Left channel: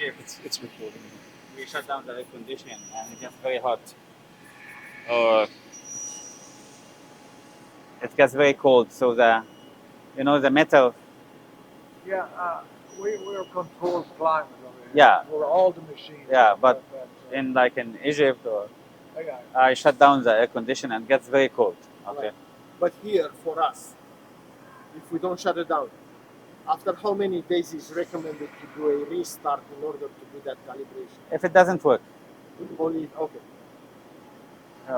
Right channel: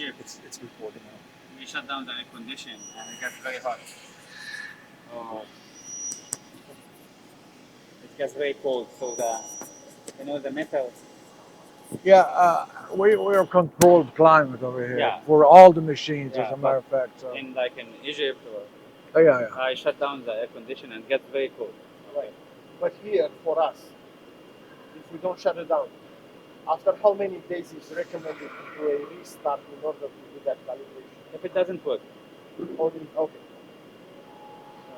Egypt, It's recording. we shut down the air condition and it gets very hot. Or it gets very cold. So the metal, Yeah, we're controlled climate over here Yeah. for all the machines, as yeah, a matter but of fact. So. in Egypt, Yeah. I shut down the air condition and it gets very cold. Okay. Right. But here, for us, if we don't shut it down, after how many days is recommended to do a restart in order to do that calibration? If it doesn't work, Only, okay.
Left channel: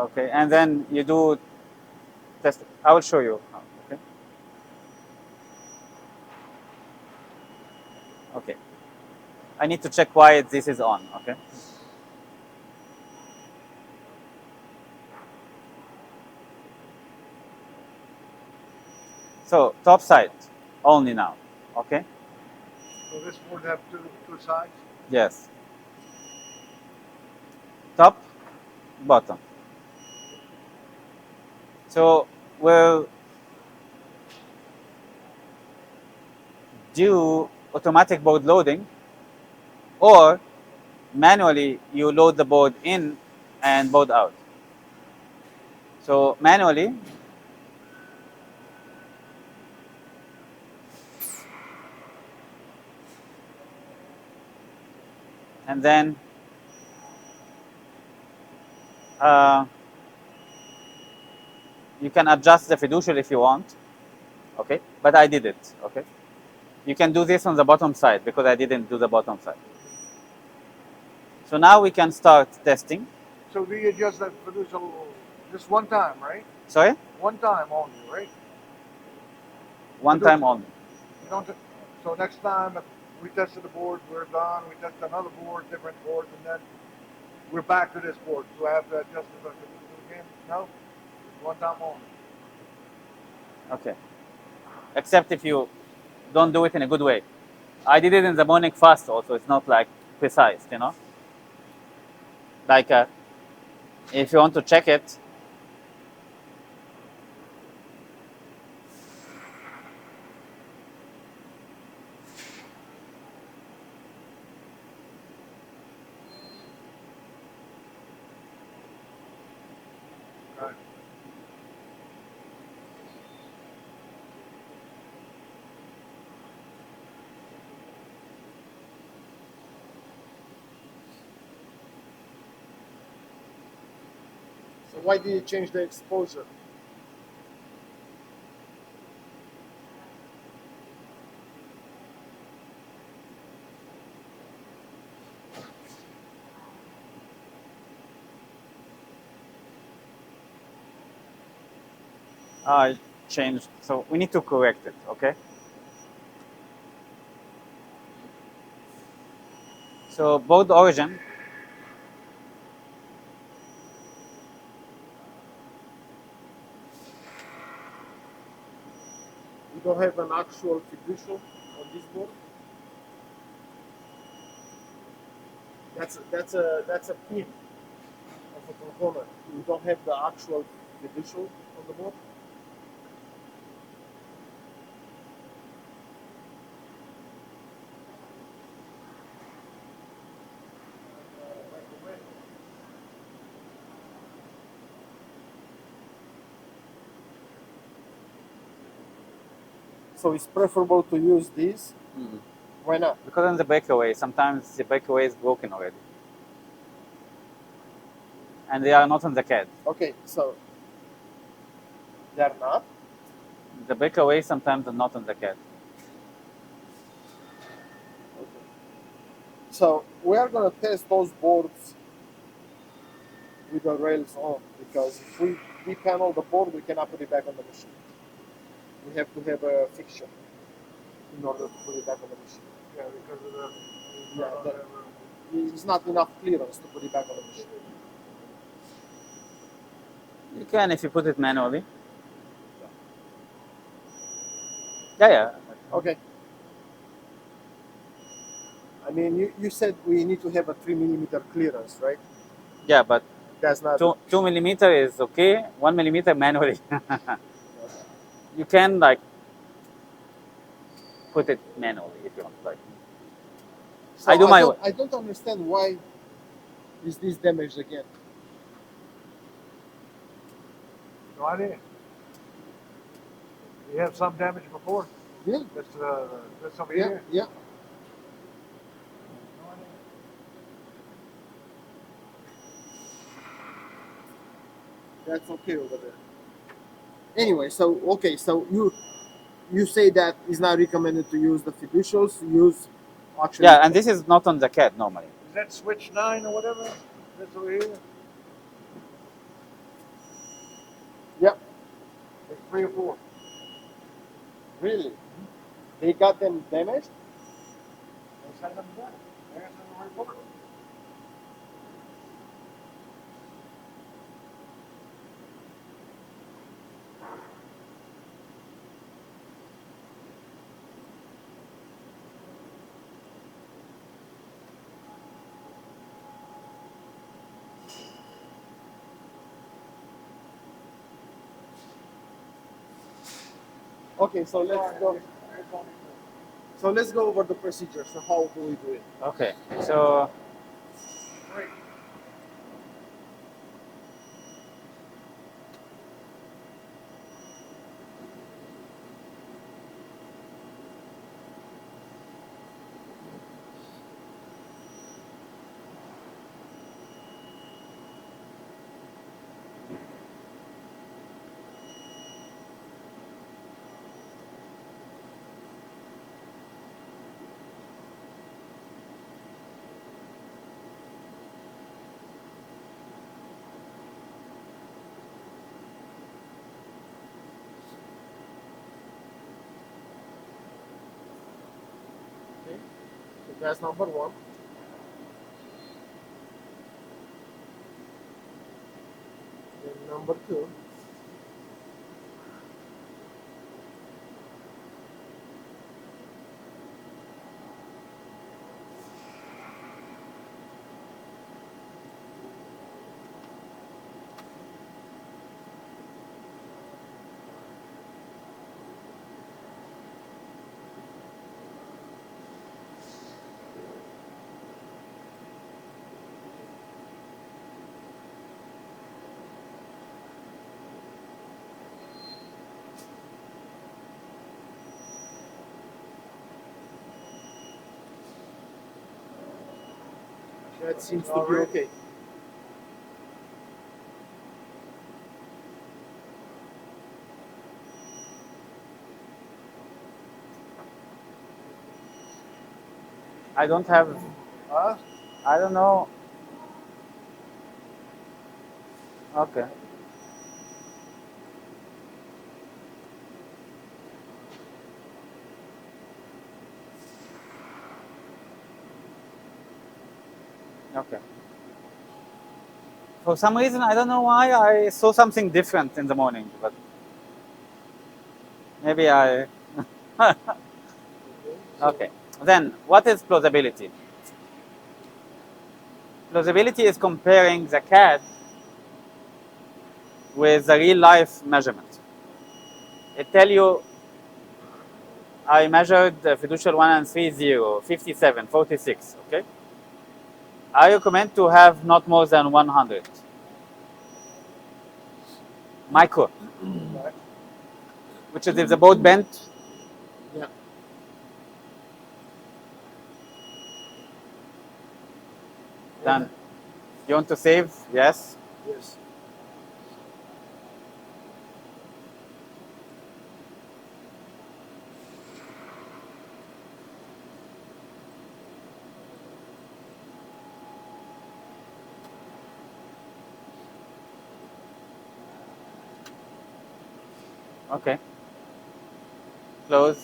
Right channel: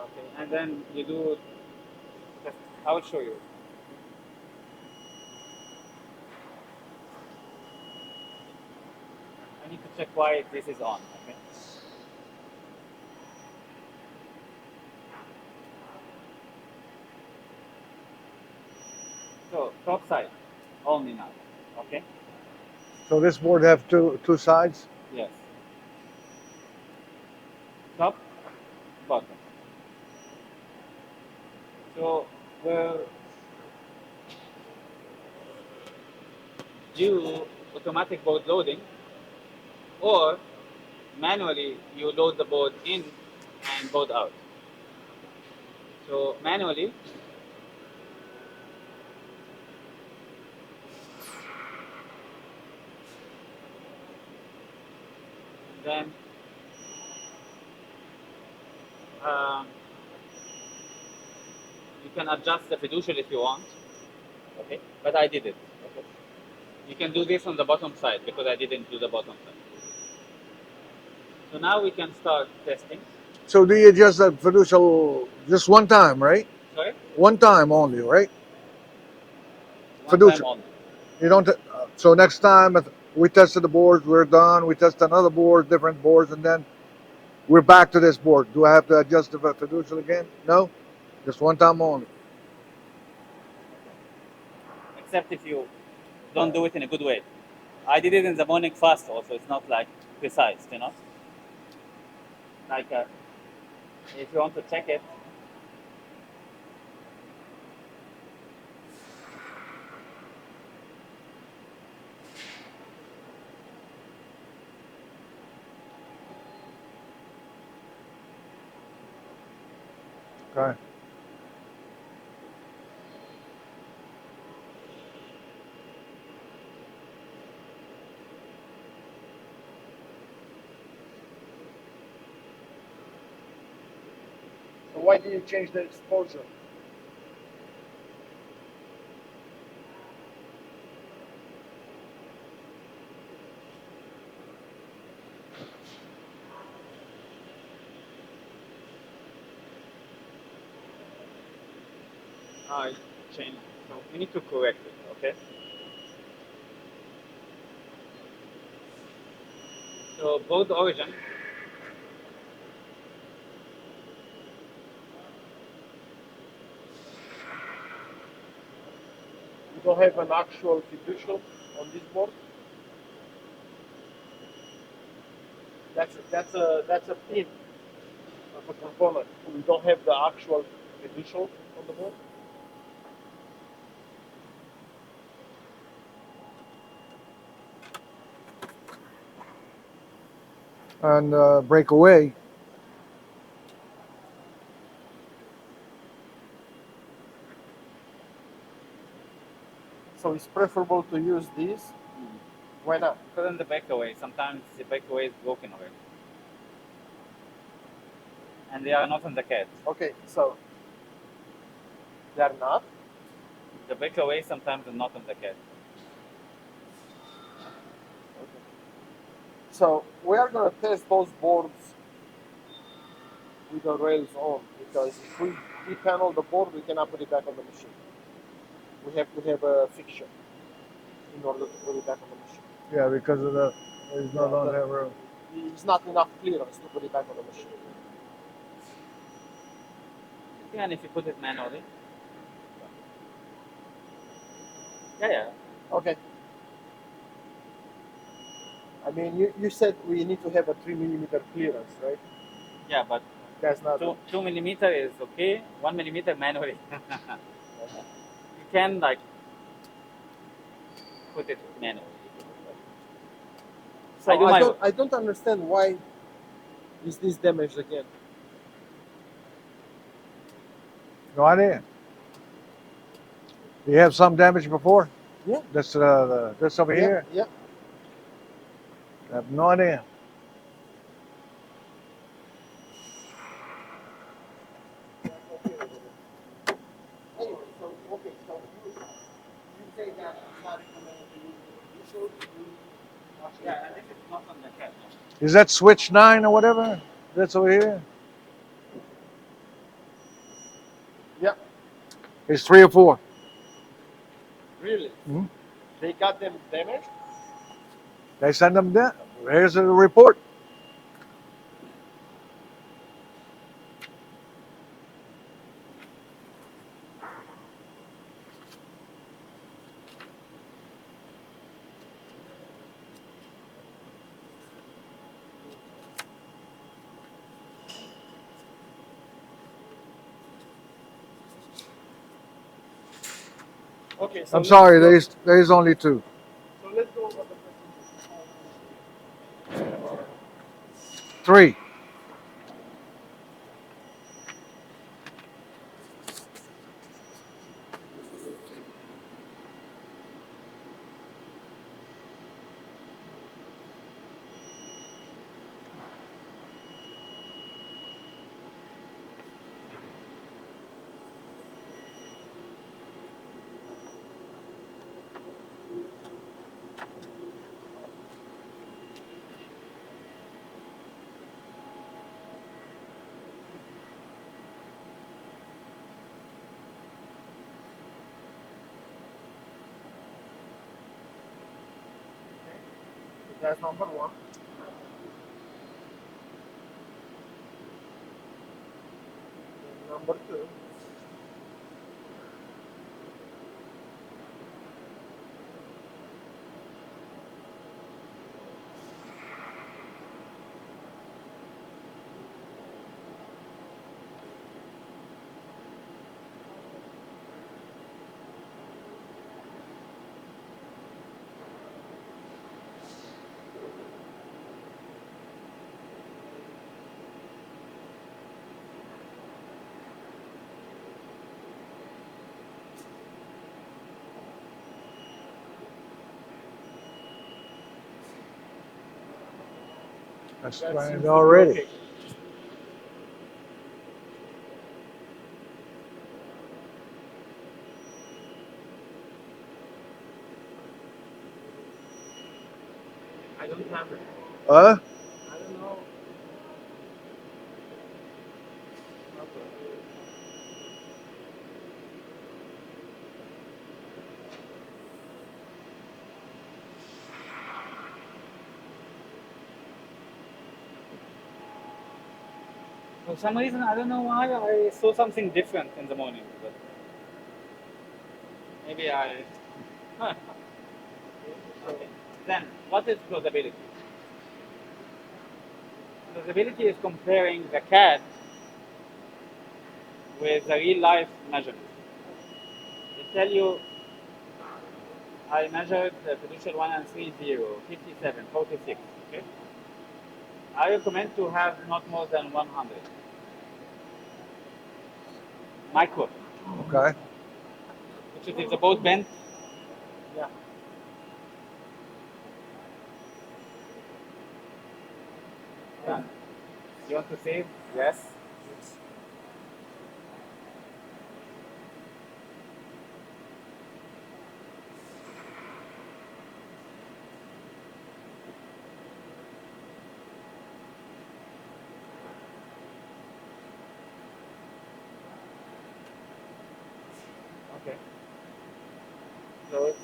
okay, and then you do test. I will show you. Okay. Okay. I need to check why this is on. Okay. So top side only now. Okay. So this board have two sides. Yes. Top, bottom. So we'll do automatic board loading, or manually you load the board in and board out. So manually, and then you can adjust the fiducial if you want. Okay, but I did it. Okay, you can do this on the bottom side because I didn't do the bottom side. So now we can start testing. So do you adjust that fiducial just one time, right? Sorry, One time only, right? one Fiducial. time only. You don't. So next time if we tested the boards, we're done. We test another board, different boards, and then we're back to this board. Do I have to adjust the fiducial again? No, just one time only. Okay, except if you don't do it in a good way. I did it in the morning fast also. It's not like precise, Like if you want to check it, Okay. So why did you change the exposure? I changed. So we need to correct it. Okay. So board origin. You don't have an actual fiducial on this board? That's a pin of a component. You don't have the actual fiducial on the board? And breakaway. So it's preferable to use these. Why not? Because on the breakaway, sometimes the breakaway is broken already. And they are not on the CAD. Okay, so they're not. The breakaway sometimes are not on the CAD. So we are gonna test those boards with the rails on, because if we depanel the board, we cannot put it back on the machine. We have to have a fixture in order to put it back on the machine. Yeah, because of the there's no longer have room. It's not enough clearance to put it back on the machine. You can if you put it manually. Yeah. Okay. I mean, you said we need to have a 3 millimeter clearance, right? Yeah, but That's not. 2 millimeter is okay. 1 millimeter manually. You can like put it manually if you want. Like. So I do my. I don't understand why is this damaged again. No idea. Do you have some damage before? Yeah. This this over Yeah. here? Yeah. I have no idea. That's okay over there. Anyway, so okay, so you say that it's not recommended to use the fiducials. Use actually. Yeah, and this is not on the CAD normally. Is that switch 9 or whatever? That's over here? Yeah. It's 3 or 4. Really? Mhm. They got them damaged. They send them down. Here's the report. Okay. So I'm sorry, let's go, there's only 2. so let's go over the procedure. So how do we do it? Okay, so 3. So that's number one. Then number two. That's That planned seems to be already. okay. I don't have. Huh? I don't know. Okay. Okay. For some reason, I don't know why I saw something different in the morning, but maybe I. Okay. So Okay. Then, what is plausibility? Plausibility is comparing the CAD with the real life measurement. It tell you I measured the fiducial 1 and 3, 0, 57, 46. Okay. I recommend to have not more than 100 micro, Okay. which is if the boat bent. yeah. Then you want to save? Yes. Yes. Okay. Close.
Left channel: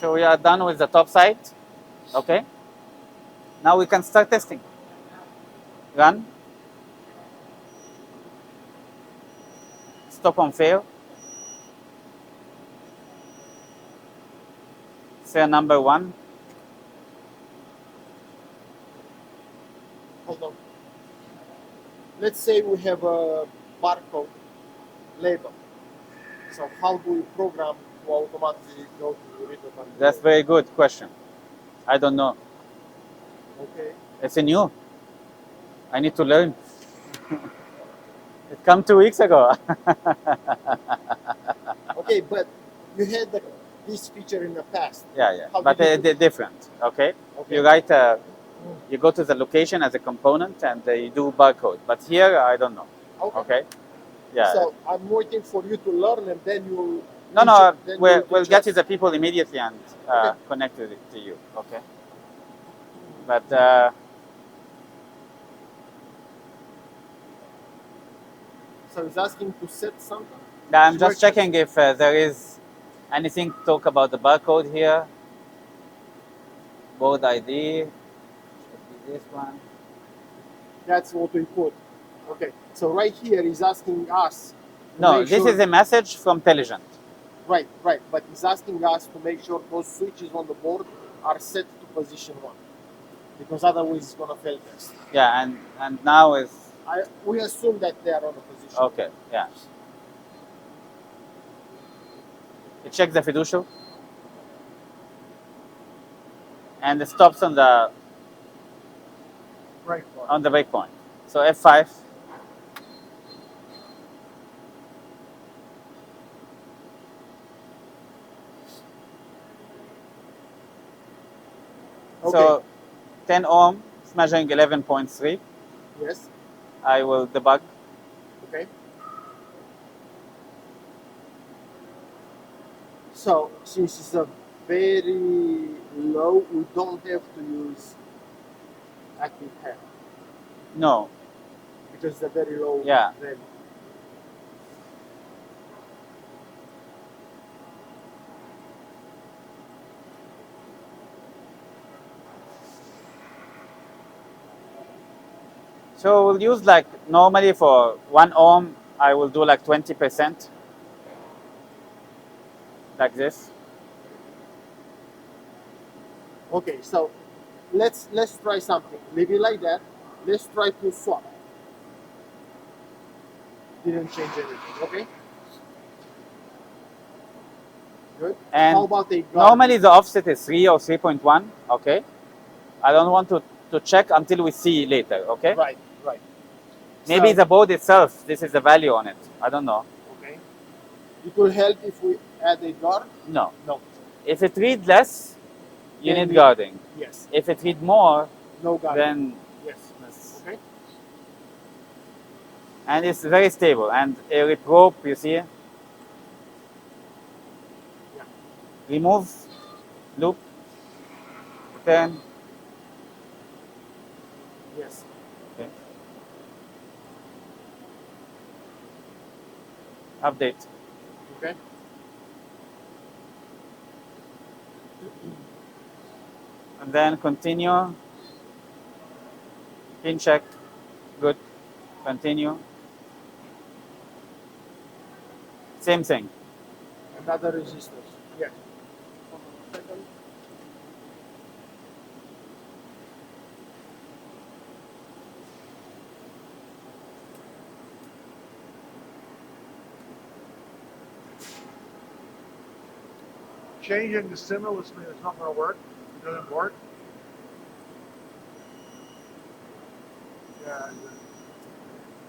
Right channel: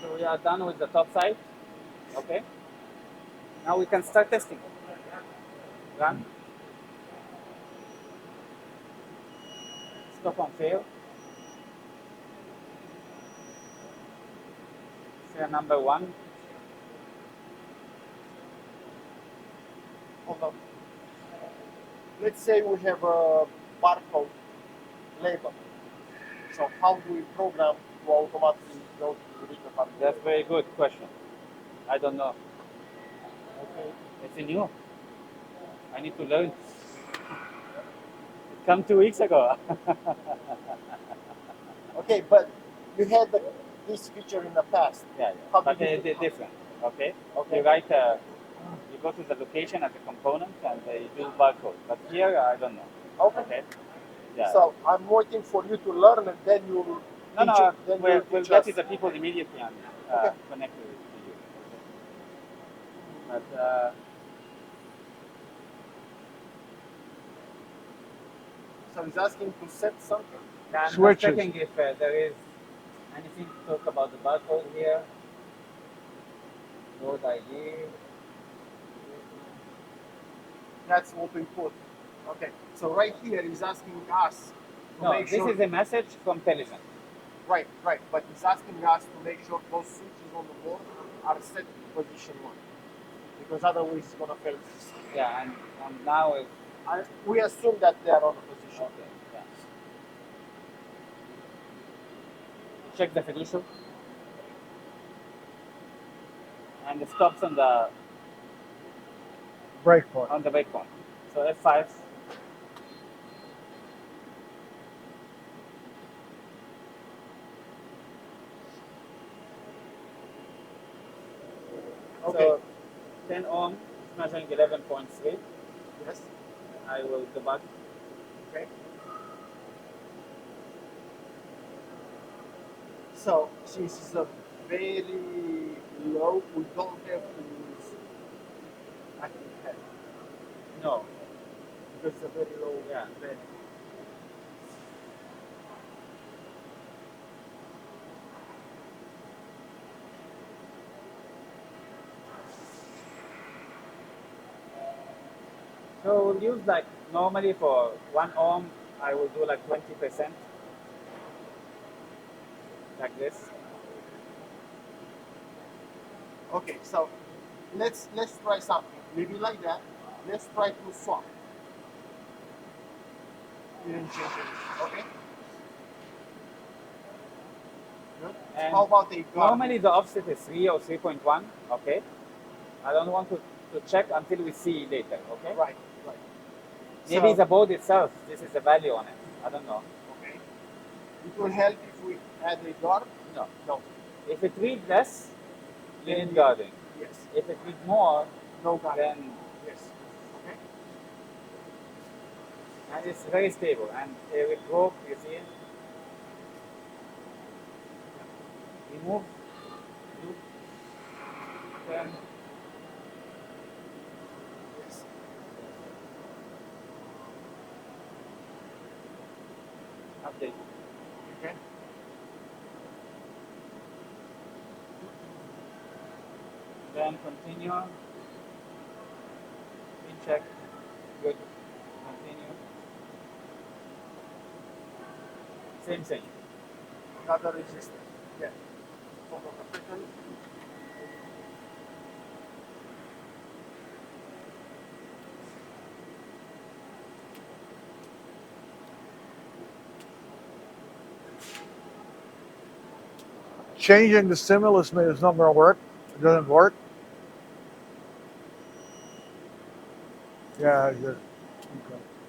So we are done with the top side. Okay. Now we can start testing. Run. Stop on fail. Fail number 1. Hold on. Let's say we have a barcode label. So how do we program to automatically go to read the barcode? That's very good question. I don't know. Okay. It's new. I need to learn. It come 2 weeks ago. Okay, but you had this feature in the past. Yeah. How But did you they're do- different. Okay. Okay. You write. You go to the location as a component and you do barcode. But here, I don't know. Okay. Okay. Yeah. So I'm waiting for you to learn, and then you'll. No. Then We'll you'll teach get us. to the people immediately and Okay. connect it to you. Okay. But So he's asking to set something. I'm just Switches. checking if there is anything to talk about the barcode here. Board ID. This one. That's what we put. Okay. So right here he's asking us. To No, make this sure, is a message from Telligent. Right. But he's asking us to make sure those switches on the board are set to position 1, because otherwise it's gonna fail test. Yeah, and now is We assume that they are on the position. okay. Yeah. It checks the fiducial and it stops on the Breakpoint. breakpoint. So F5. Okay. So 10 ohm is measuring 11.3. Yes. I will debug. Okay. So since it's a very low, we don't have to use active hand No. because it's a very low Yeah. value. So we'll use like normally for 1 ohm, I will do like 20%. Like this. Okay, so let's try something. Maybe like that. Let's try to swap. Didn't change anything. Okay. Good. And how about a guard? normally the offset is 3 or 3.1. Okay. I don't want to check until we see later. Okay. Right. Maybe So- the board itself, this is the value on it. I don't know. Okay. It will help if we add a guard. No. No. If it reads less, you Then need we- guarding. Yes. If it reads more, No guard. then Yes. Okay. and it's very stable. And a reprobe, you see, remove, loop, turn. Yes. Okay. Update. Okay. And then continue. Pin check. Good. Continue. Same thing. Another resistance. Yeah. Changing the stimulus is not going to work. It doesn't work. Yeah. It just,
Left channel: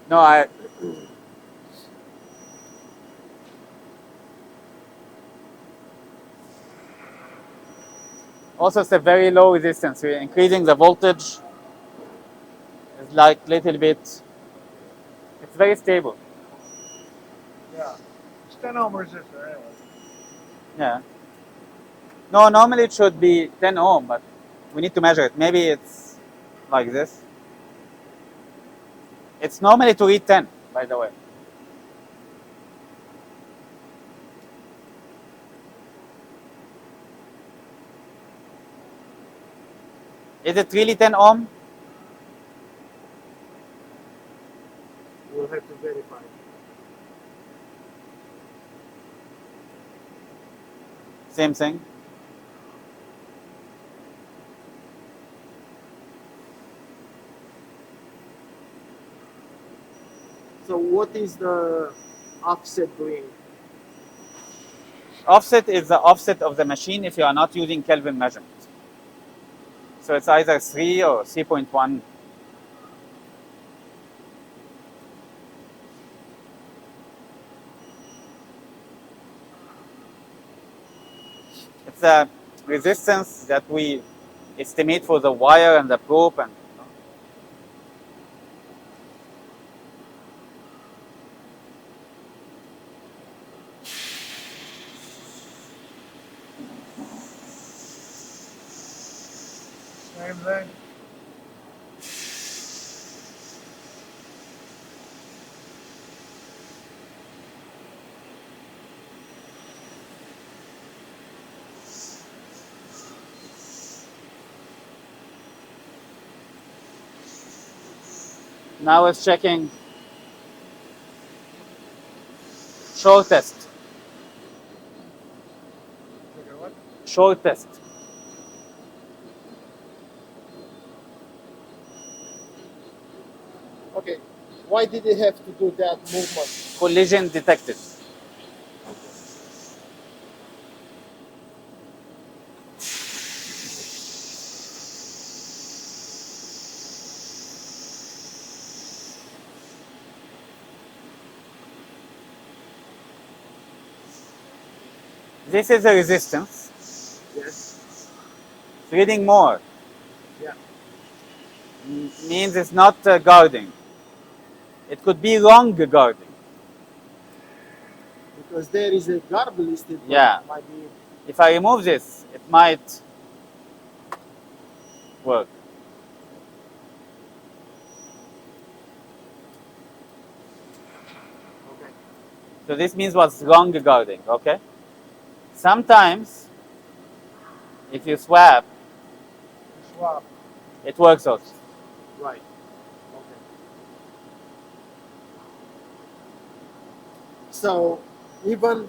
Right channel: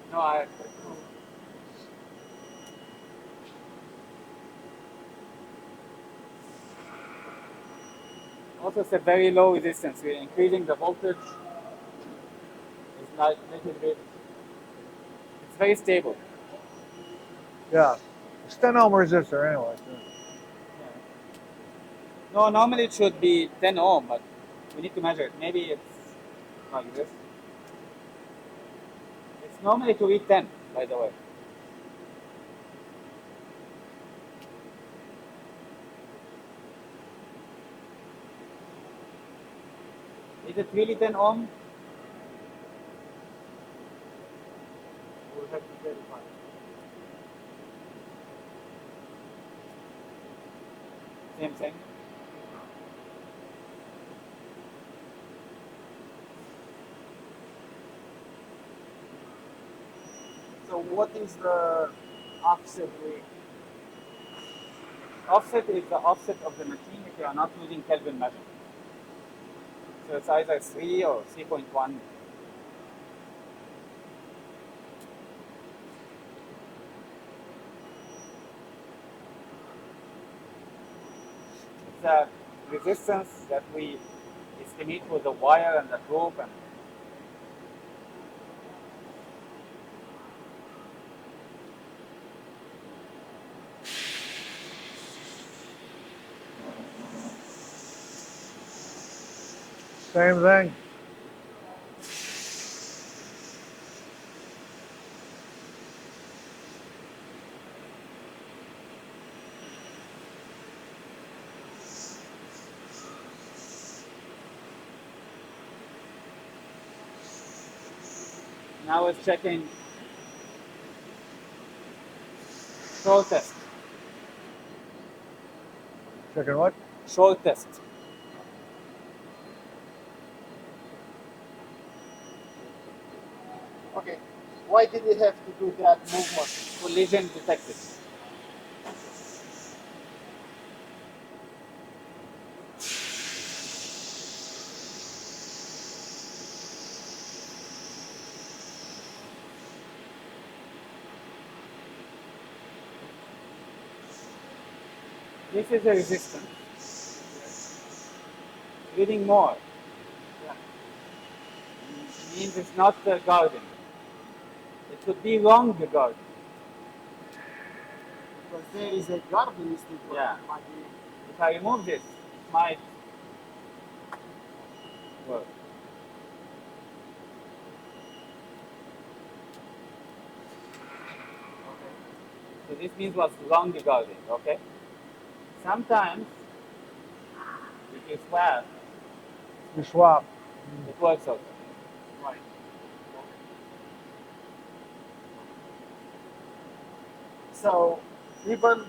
No, I. Also, it's a very low resistance. We're increasing the voltage. It's like little bit. It's very stable. yeah. It's 10 ohm resistor anyway. Yeah. No, normally it should be 10 ohm, but we need to measure it. Maybe it's like this. It's normally to read 10, by the way. Is it really 10 ohm? We'll have to verify. Same thing. So what is the offset doing? offset is the offset of the machine if you are not using Kelvin measurement. So it's either 3 or 3.1. It's the resistance that we estimate for the wire and the probe. And Same thing. now it's checking shortest. Checking what? Shortest. Okay. Why did they have to do that movement? Collision detected. This is a resistance. Yes. Reading more. Yeah. Means it's not guarding. It could be wrong guarding. Because there is a guard listed. Yeah. Might be. If I remove this, it might work. Okay. So this means what's wrong guarding, okay? Sometimes, if you swap, You swap. it works also. Right. Okay. So even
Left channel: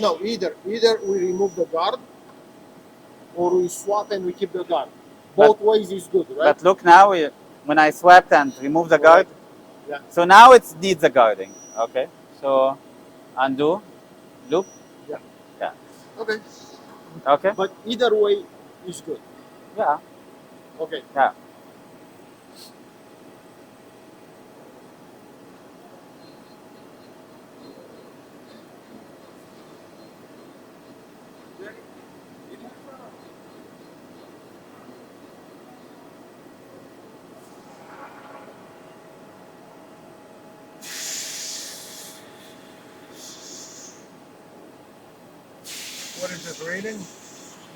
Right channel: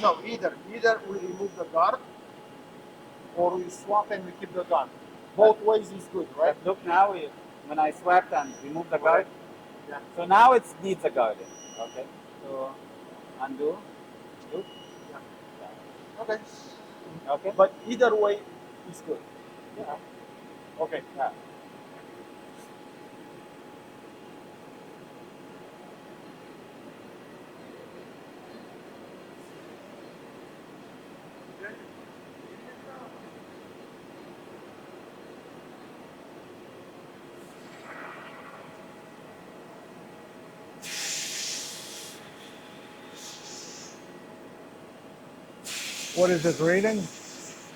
no, either we remove the guard or we swap and we keep the guard. Both ways is good, right? But look now, when I swapped and removed the guard, Yeah. so now it needs the guarding, okay? So undo, loop, Okay. okay? But either way is good. Yeah, Okay. yeah. What is this reading?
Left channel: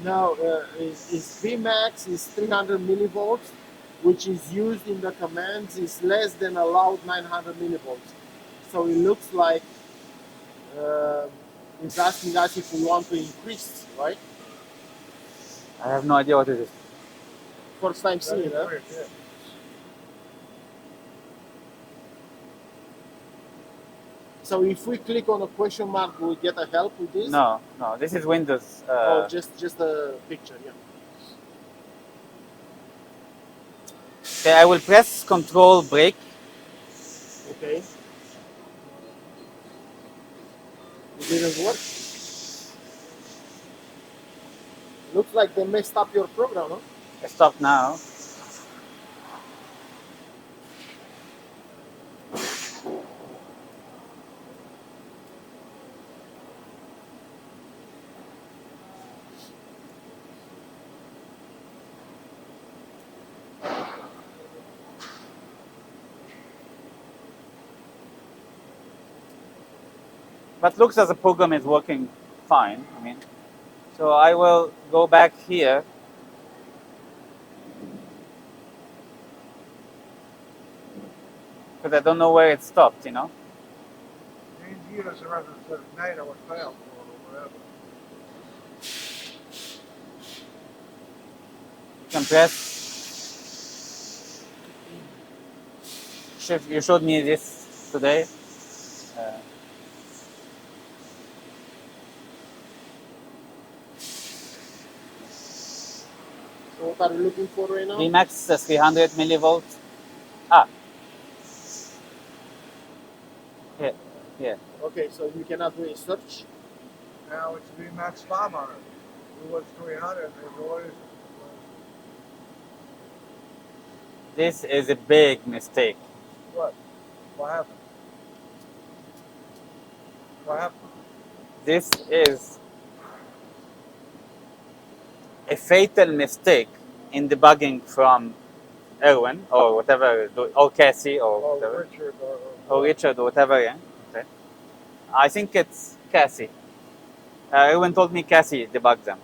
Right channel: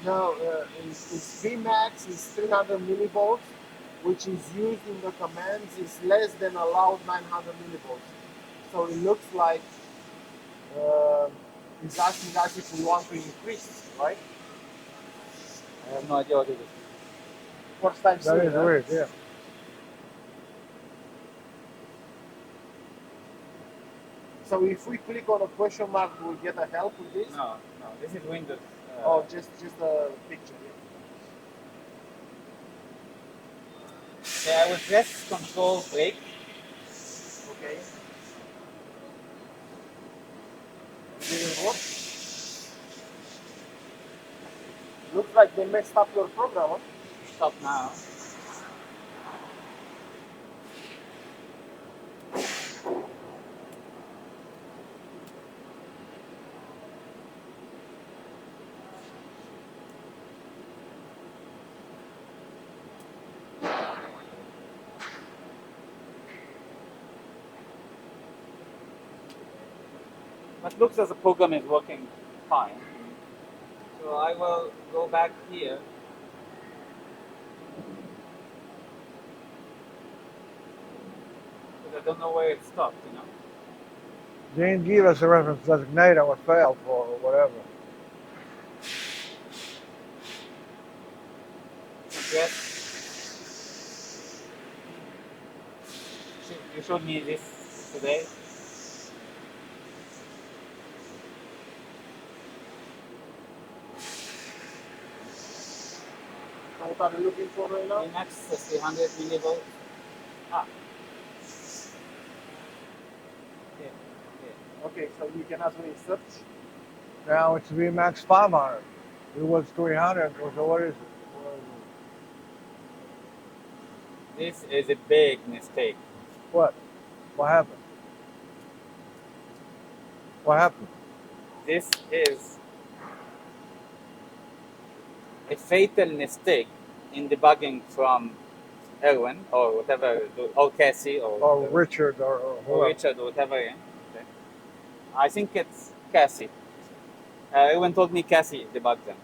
Now is Vmax is 300 millivolts, which is used in the commands is less than allowed 900 millivolts. So it looks like it's asking us if we want to increase, right? I have no idea what it is. First time That seeing is it. weird, yeah. So if we click on a question mark, do we get a help with this? No, no, this is Windows. Or just a picture, yeah. Okay, I will press Control Break. Okay. It didn't work. Looks like they messed up your program, huh? Stop now. But looks as the program is working fine. I mean, so I will go back here. Because I don't know where it stopped, you know. Didn't give us a reference designator what failed for or whatever. You can press shift. You showed me this today. So what are you looking for right now? Vmax 300 millivolts. Ah. Here, here. Okay, so you cannot do a search. Now it's VMAX 500. It was 300. So what is it? This is a big mistake. What? What happened? What happened? This is a fatal mistake in debugging from Erwin or whatever, or Cassie or Or whatever. Richard or Or whoever. Richard or whatever. Yeah. Okay. I think it's Cassie. Erwin told me Cassie debugged them.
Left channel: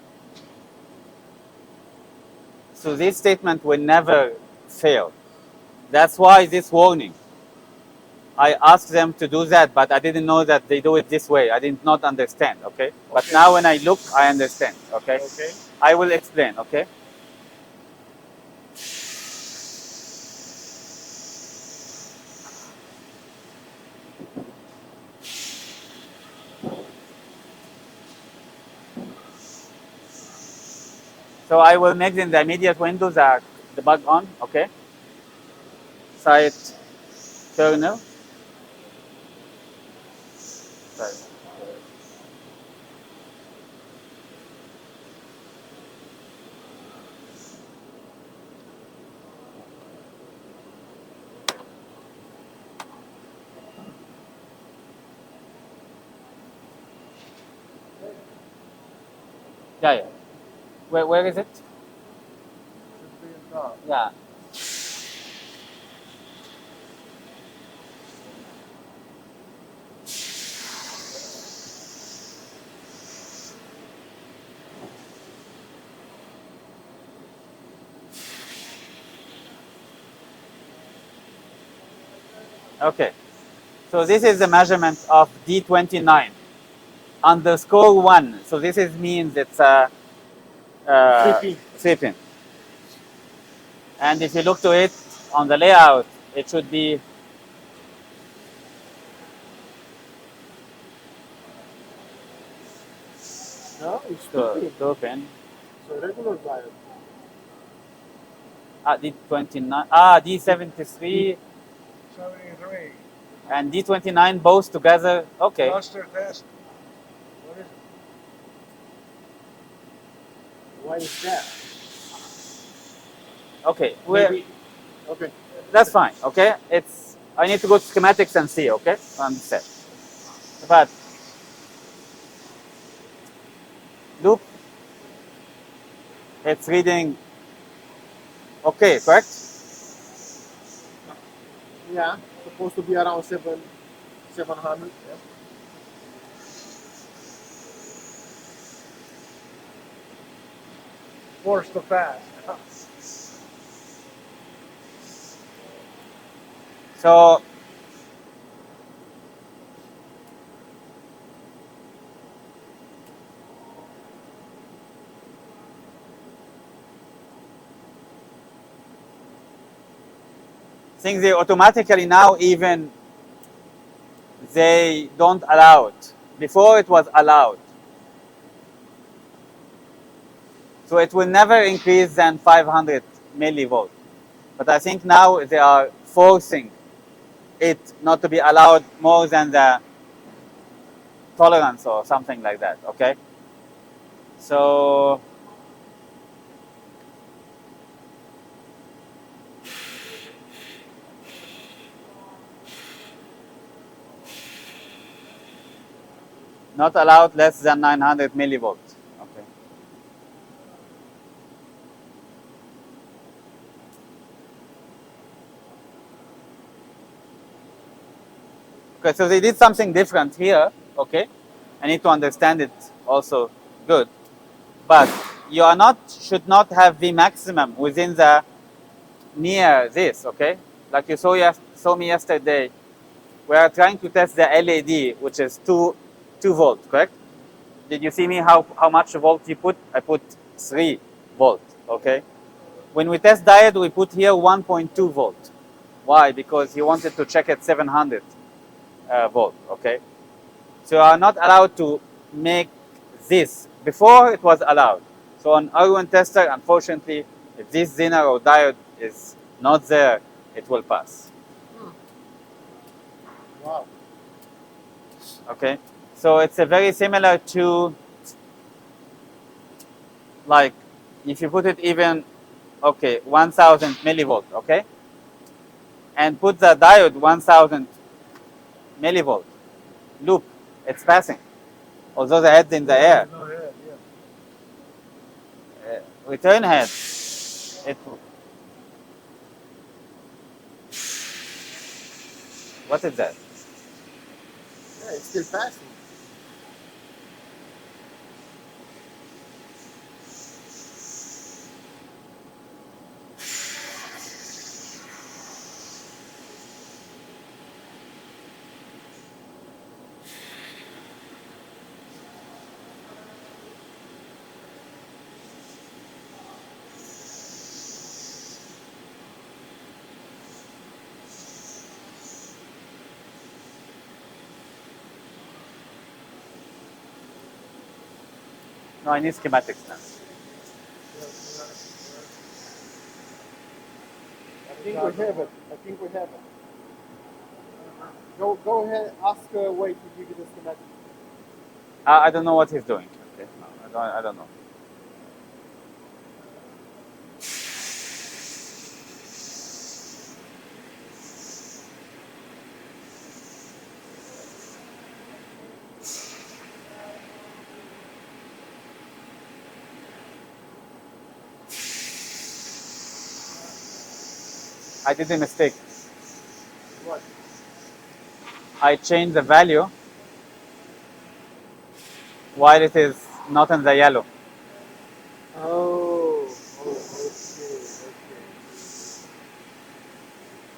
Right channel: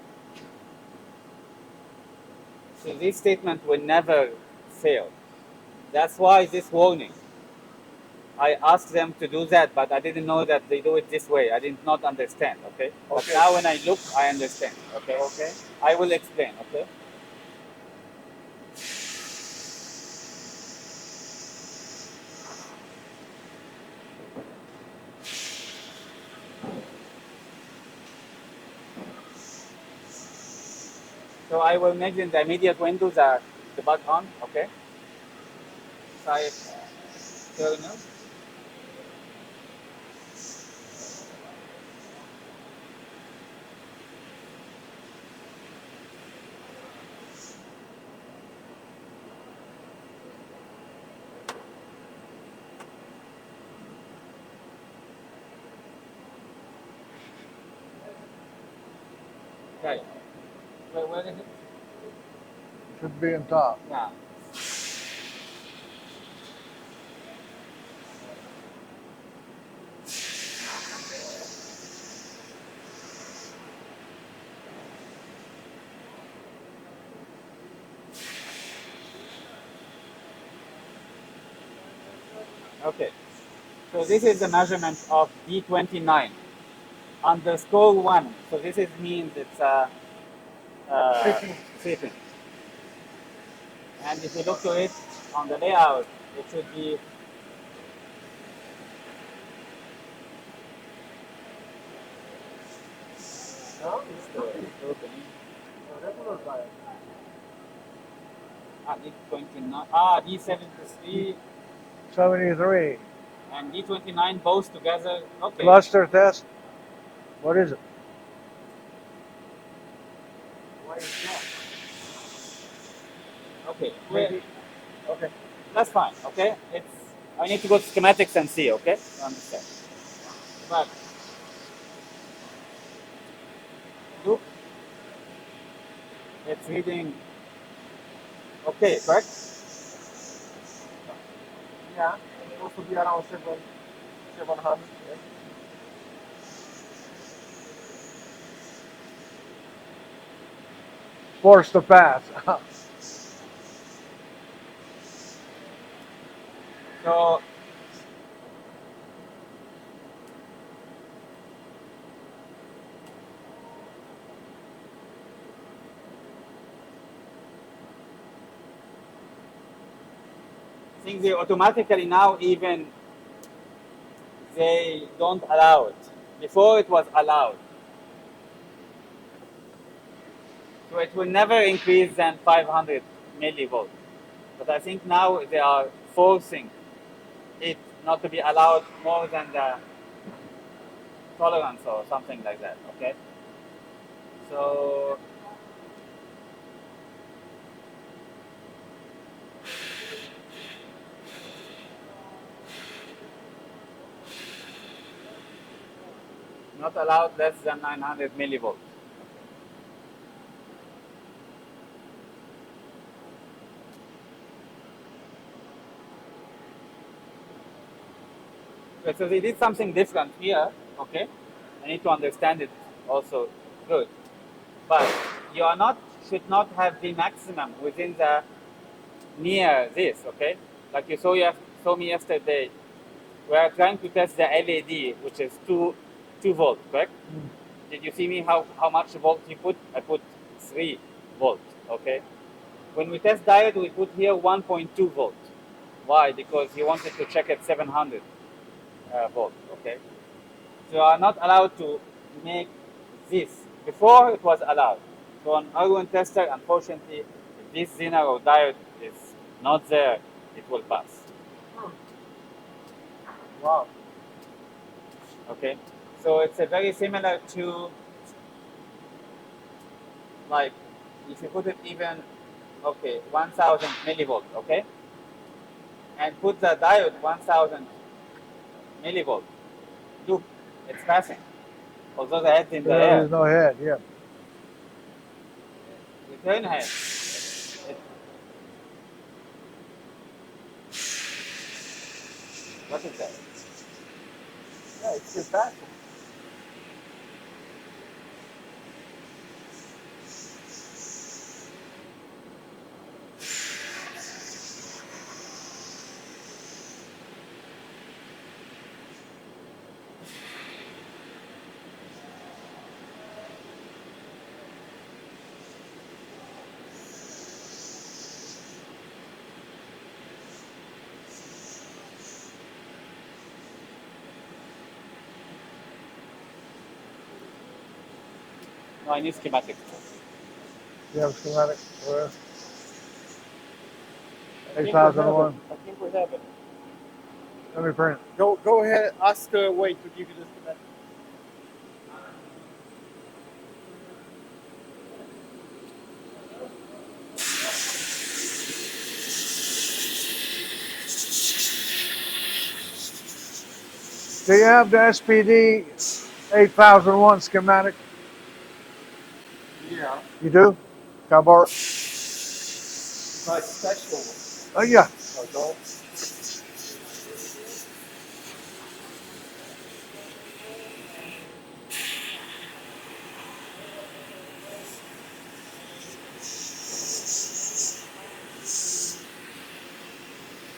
So this statement will never fail. That's why this warning. I asked them to do that, but I didn't know that they do it this way. I did not understand, okay? But Okay. now when I look, I understand, okay? Okay. I will explain, okay? So I will make in the immediate window the debug on, okay? Site kernel. Sorry. Yeah. Where is it? Should be on top. Yeah. Okay. So this is the measurement of D29 underscore 1. So this is means it's a 3 pin. 3-pin. And if you look to it on the layout, it should be No, it's 2 2 pin. pin. It's a regular diode. D29, D73 73. and D29 both together. Okay. Cluster test. What is it? Why is that? Okay. Maybe. Okay. That's fine. Okay. I need to go to schematics and see. Okay. Understand. But look, it's reading. Okay, correct? Yeah, supposed to be around 700. Yeah. Force to pass. So think they automatically now even they don't allow it. Before it was allowed. So it will never increase than 500 millivolt. But I think now they are forcing it not to be allowed more than the tolerance or something like that, okay? So not allowed less than 900 millivolts. Okay. Okay, so they did something different here, okay? I need to understand it also good. But you should not have the maximum within the near this, okay? Like you saw me yesterday, we are trying to test the LED, which is 2 volt, correct? Did you see me how much volt you put? I put 3 volt, okay? When we test diode, we put here 1.2 volt. Why? Because he wanted to check at 700 volt, okay? So you are not allowed to make this. Before it was allowed. So on Arduino tester, unfortunately, if this Zener or diode is not there, it will pass. Wow. Okay, so it's a very similar to, like, if you put it even, okay, 1000 millivolt, okay, and put the diode 1000 millivolt loop, it's passing, although the head's in the air. There's no head. Yeah. Return head, it, what is that? Yeah, it's still passing. No, I need schematics now. You have schematic. Where? I think we have it. 8001. I think we have it. Let me print. Go ahead. Ask Wade to give you the schematic. I don't know what he's doing. Okay? I don't know. Do you have the SPD 8001 schematic? Yeah. You do? Can I borrow it? Nice. Oh yeah. I did a mistake. I changed the value while it is not in the yellow. Oh.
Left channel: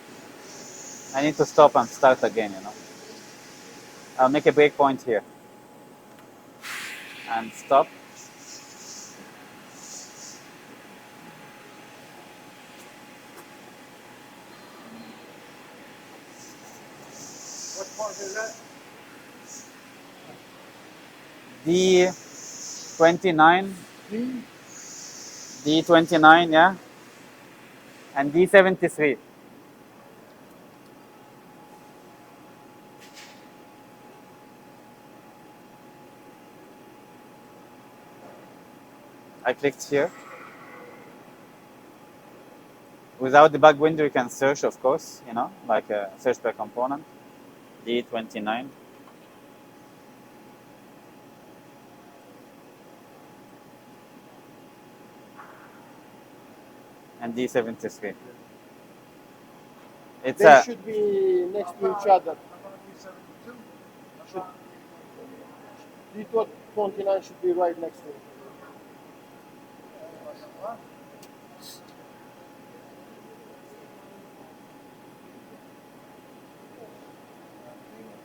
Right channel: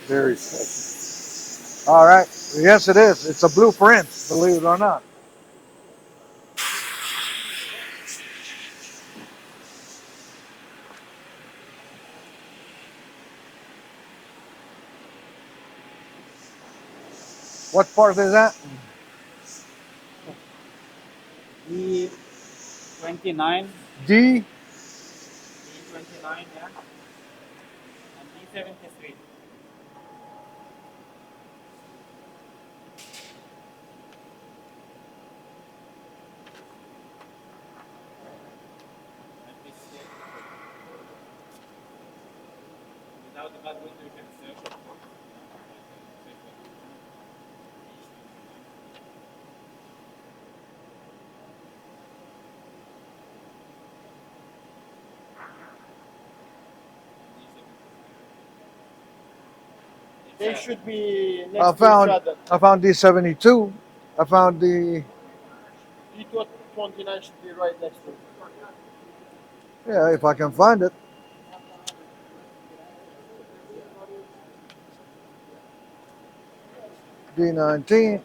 Very special. I need to stop and All start right. again. Yes, it is. It's a blueprint. I'll make a believe it or breakpoint not. here. And stop. What part is that? D29, D. D29, yeah, and D73. I clicked here. Without the bug window, you can search, of course, you know, like a search per component. D29. And D73. It's They a, should be next I to found- each other. I found D72. I found the. D29 should be right next to it. Yeah, if I can find it. D19.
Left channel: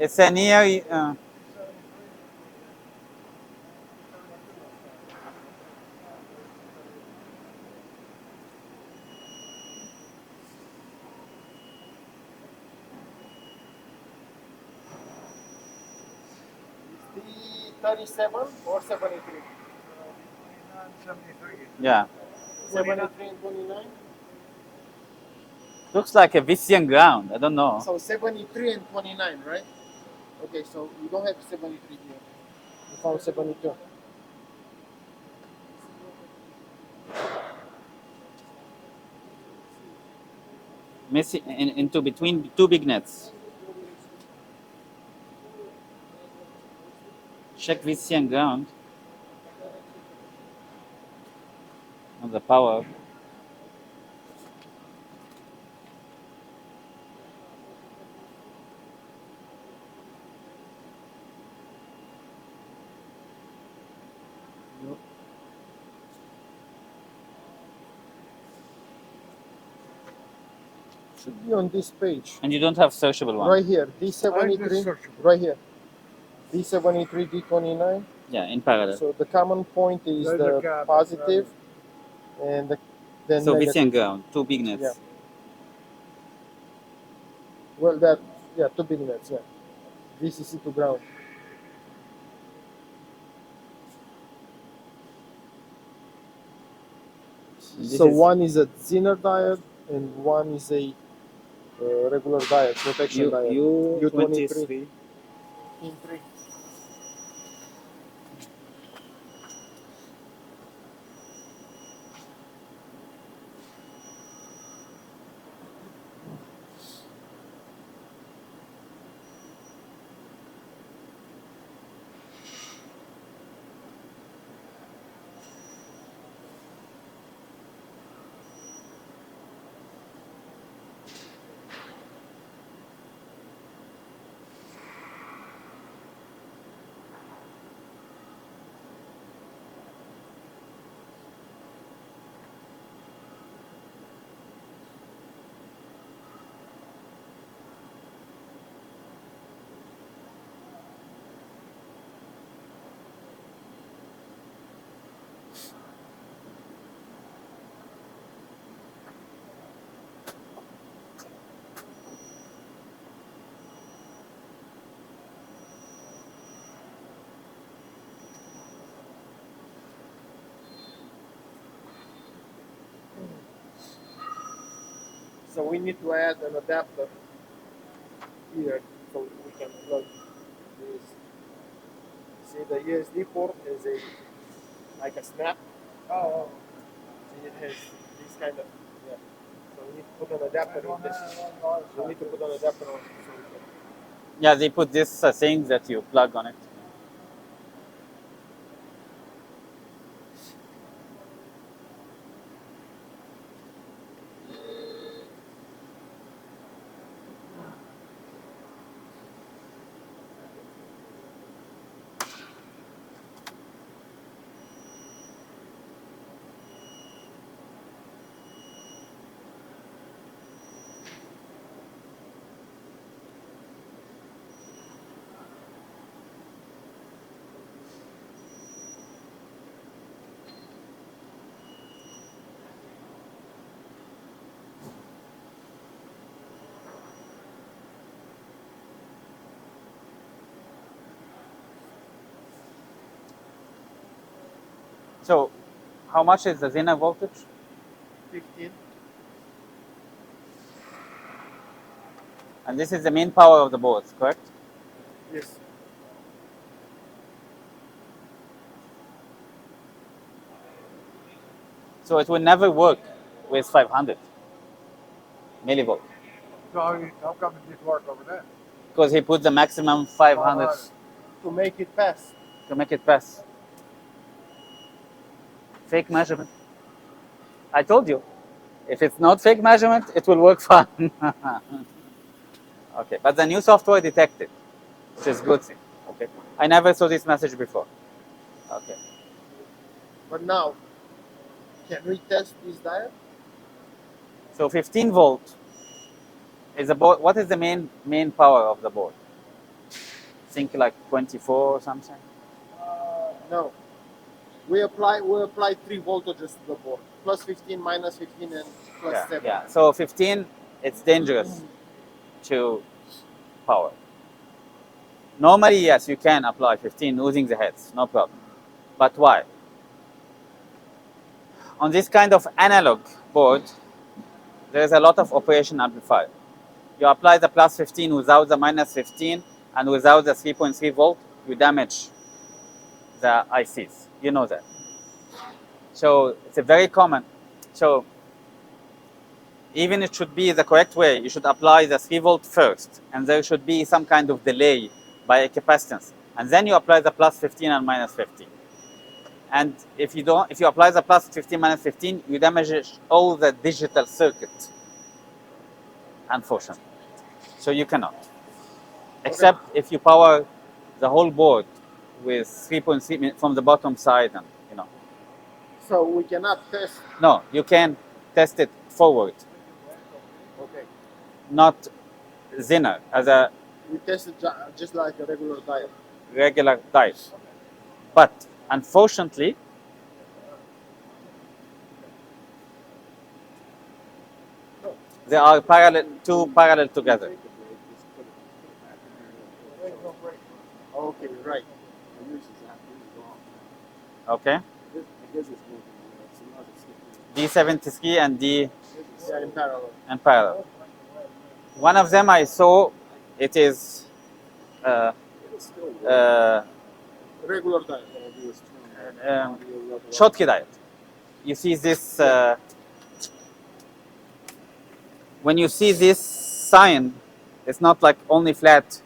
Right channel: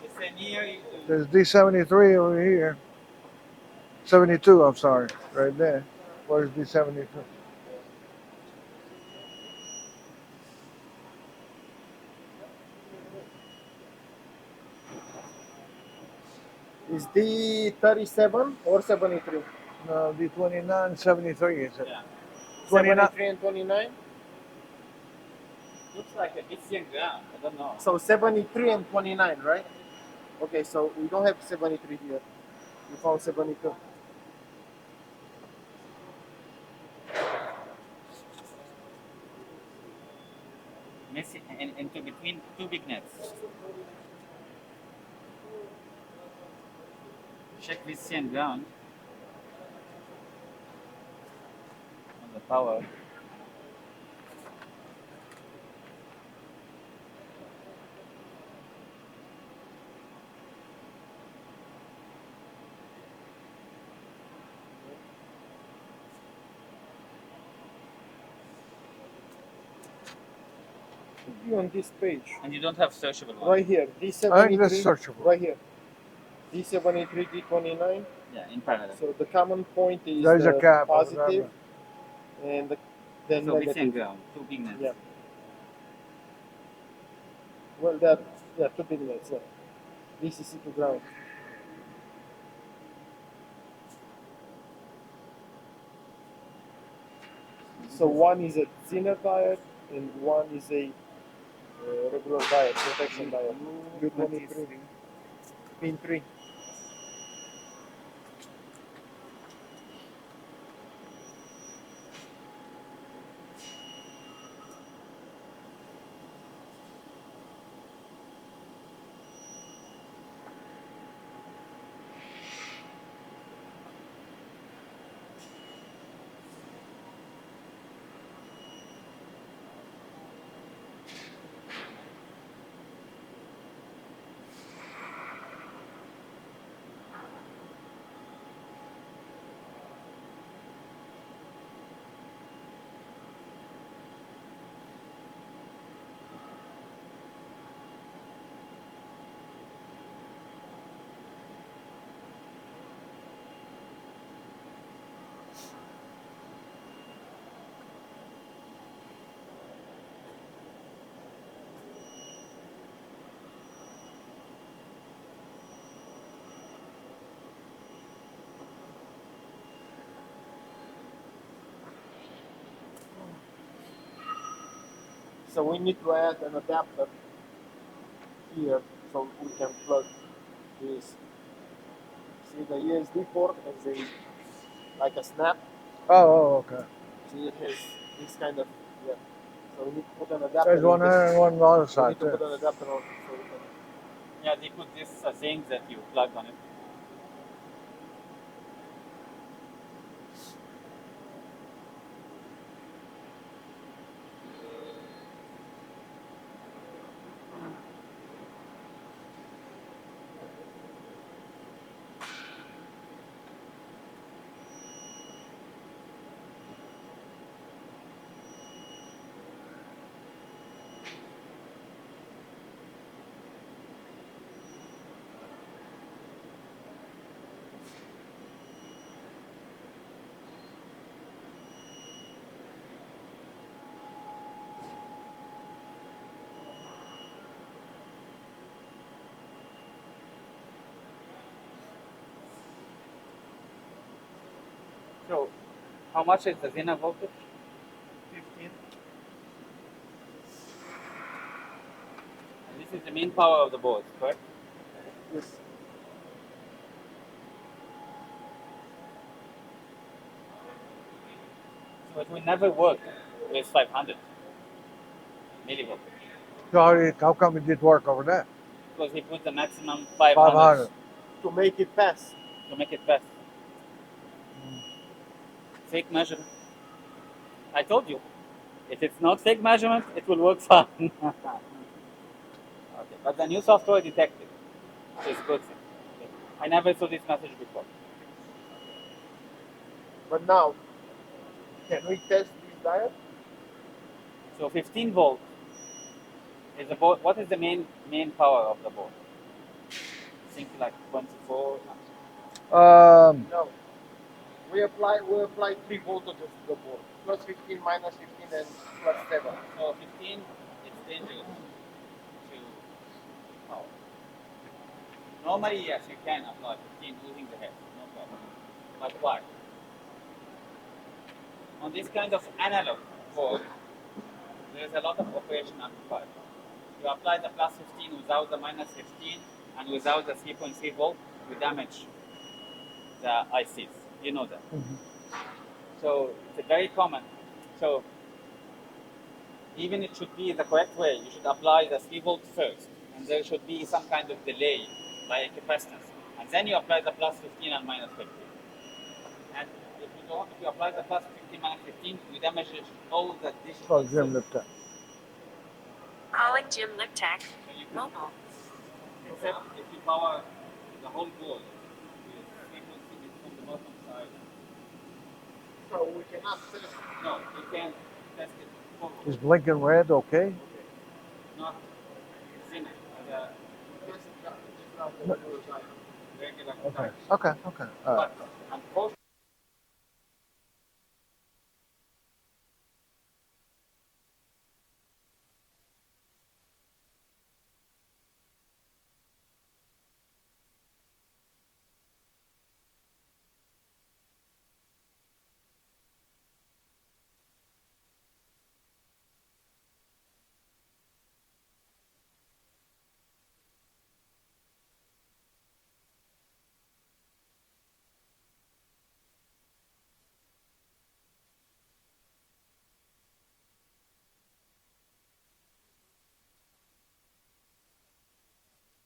it's a near, There's D73 over here. 72, I'm sorry. Right there. Where's D72? Is D37 or 73? No, D29, 73 is it? yeah. 29. 73 and 29? Looks like a Vissian ground. I don't know. So 73 and 29, right? Okay, so we don't have 73 here. We found 72. Missing into between two big nets. Check Vissian ground on the power. Should be on this page. And you don't have searchable one. Right here. I think D73. that's searchable. Right here. D73, D29. Yeah, in parallel. So the common point is There's a the cap. positive and then So negative. Vissian ground, two big nets. Yeah. Well, two big nets, yeah. VCC to ground. This So is- one is a Zener diode and one is a regular diode, protection diode. U23. U23. Pin 3. So we need to add an adapter here so we can plug this. See, the USB port has a like a snap. Oh, okay. See, it has this kind of, yeah. So we need to put an adapter. There's one in this. there and one on the other We side. need to Too. put an adapter on so we can. Yeah, they put this thing that you plug on it. So, how much is the Zener voltage? 15. And this is the main power of the board, correct? Yes. So it will never work with 500 millivolt So how come it did work over there? because he put the maximum 500 500. To make it pass. to make it pass. Fake measurement. I told you, if it's not fake measurement, it will work fine. Okay, but the new software detected, which is good thing. Okay, I never saw this message before. Okay, But now, can we test this diode? so 15 volt is the board. What is the main power of the board? Think like 24 or something. No. We apply 3 voltages to the board. Plus 15, minus 15, and plus Yeah, 7. yeah. So 15, it's dangerous to power. Normally, yes, you can apply 15 using the heads, no problem. But why? On this kind of analog board, there is a lot of operation amplifier. You apply the plus 15 without the minus 15 and without the 3.3 volt, you damage the ICs. You know that. So it's a very common. So even it should be the correct way. You should apply the 3 volt first, and there should be some kind of delay by a capacitance, and then you apply the plus 15 and minus 15. And if you don't, if you apply the plus 15 minus 15, you damage all the digital circuit. Unfortunately, so you cannot, except if you power the whole board with 3.3 from the bottom side, and you know. So we cannot test. No, you can test it forward. Is blinking red okay? Okay. Not Zener as a We test it just like a regular diode. regular diode. Okay, okay. All right. But unfortunately, they are two parallel together. Okay, right. Okay, D73 and D Yeah, in parallel. and parallel. One of them I saw, it is Regular diet. Schottky diet. You see this, when you see this sign, it's not like only flat,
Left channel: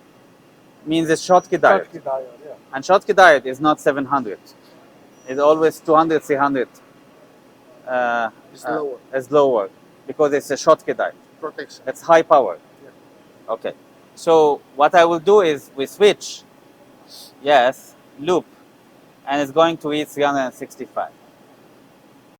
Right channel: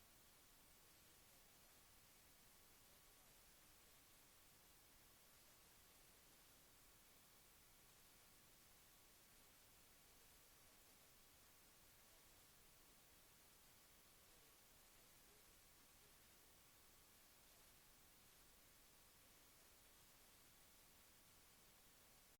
means it's Schottky diet. Schottky diet, yeah. And Schottky diet is not 700. It's always 200, 300. It's lower. It's lower because it's a Schottky diet. Protection. That's high power. Yeah. Okay. So what I will do is we switch, yes, loop, and it's going to read 365.